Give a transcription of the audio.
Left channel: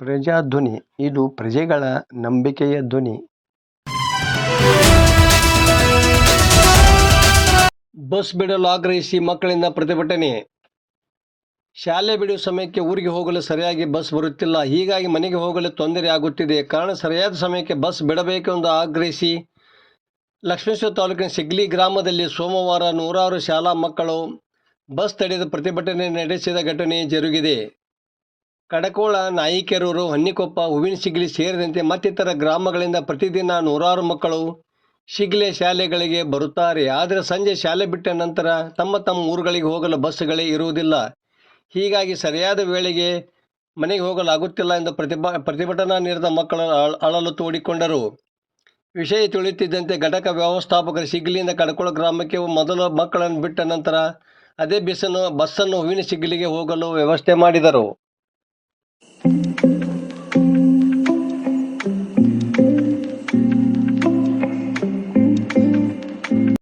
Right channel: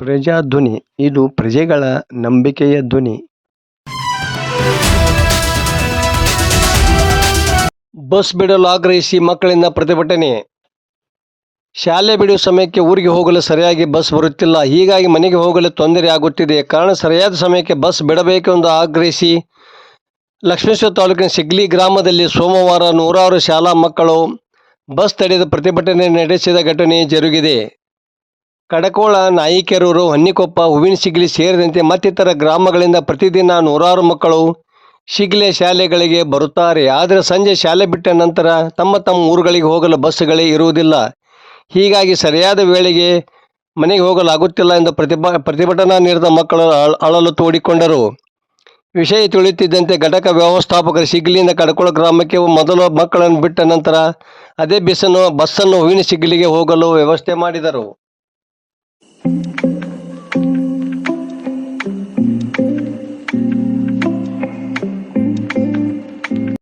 ಪ್ರಜಾಧ್ವನಿ ಇದು ಪ್ರಜೆಗಳ ನಂಬಿಕೆಯ ಧ್ವನಿ. ಬಸ್ ಬಿಡಲು ಆಗ್ರಹಿಸಿ ಮಕ್ಕಳಿಂದ ಪ್ರತಿಭಟನೆ. ಶಾಲೆ ಬಿಡುವ ಸಮಯಕ್ಕೆ ಊರಿಗೆ ಹೋಗಲು ಸರಿಯಾಗಿ ಬಸ್ ಬರುತ್ತಿಲ್ಲ. ಹೀಗಾಗಿ ಮನೆಗೆ ಹೋಗಲು ತೊಂದರೆ ಆಗುತ್ತಿದೆ. ಕಾರಣ ಸರಿಯಾದ ಸಮಯಕ್ಕೆ ಬಸ್ ಬಿಡಬೇಕೆಂದು ಆಗ್ರಹಿಸಿ ಲಕ್ಷ್ಮೇಶ್ವರ ತಾಲೂಕಿನ ಸಿಗ್ಲಿ ಗ್ರಾಮದಲ್ಲಿ ಸೋಮವಾರ ನೂರಾರು ಶಾಲಾ ಮಕ್ಕಳು ಬಸ್ ತಡೆದು ಪ್ರತಿಭಟನೆ ನಡೆಸಿದ ಘಟನೆ ಜರುಗಿದೆ. ಕಡಕೋಳ, ನಾಯಿಕೆರೂರು, ಹೊನ್ನಿಕೊಪ್ಪ, ಹೂವಿನಸಿಗ್ಲಿ ಸೇರಿದಂತೆ ಮತ್ತಿತರ ಗ್ರಾಮಗಳಿಂದ ಪ್ರತಿದಿನ ನೂರಾರು ಮಕ್ಕಳು ಶಿಗ್ಲೆ ಶಾಲೆಗಳಿಗೆ ಬರುತ್ತಾರೆ. ಆದರೆ ಸಂಜೆ ಶಾಲೆ ಬಿಟ್ಟ ನಂತರ ತಮ್ಮ ಊರುಗಳಿಗೆ ಹೋಗಲು ಬಸ್ಗಳೇ ಇರುವುದಿಲ್ಲ. ಹೀಗಾಗಿ ಸರಿಯಾದ ವೇಳೆಗೆ ಮನೆಗೆ ಹೋಗಲಾಗುತ್ತಿಲ್ಲ ಎಂದು ಪ್ರತಿಭಟನಾ ನಿರತ ಮಕ್ಕಳು ಅಳಲು ತೋಡಿಕೊಂಡರು. ವಿಷಯ ತಿಳಿಯುತ್ತಿದ್ದಂತೆ ಘಟಕ ವ್ಯವಸ್ಥಾಪಕರು ಶಿಗ್ಲಿಯಿಂದ ಕಡಕೋಳ ಗ್ರಾಮಕ್ಕೆ ಮೊದಲು ಮಕ್ಕಳನ್ನು ಬಿಟ್ಟ ನಂತರ ಅದೇ ಬಸ್ಸನ್ನು ಹೂವಿನಸಿಗ್ಲಿಗೆ ಹೋಗಲು ವ್ಯವಸ್ಥೆ ಮಾಡಿದರು.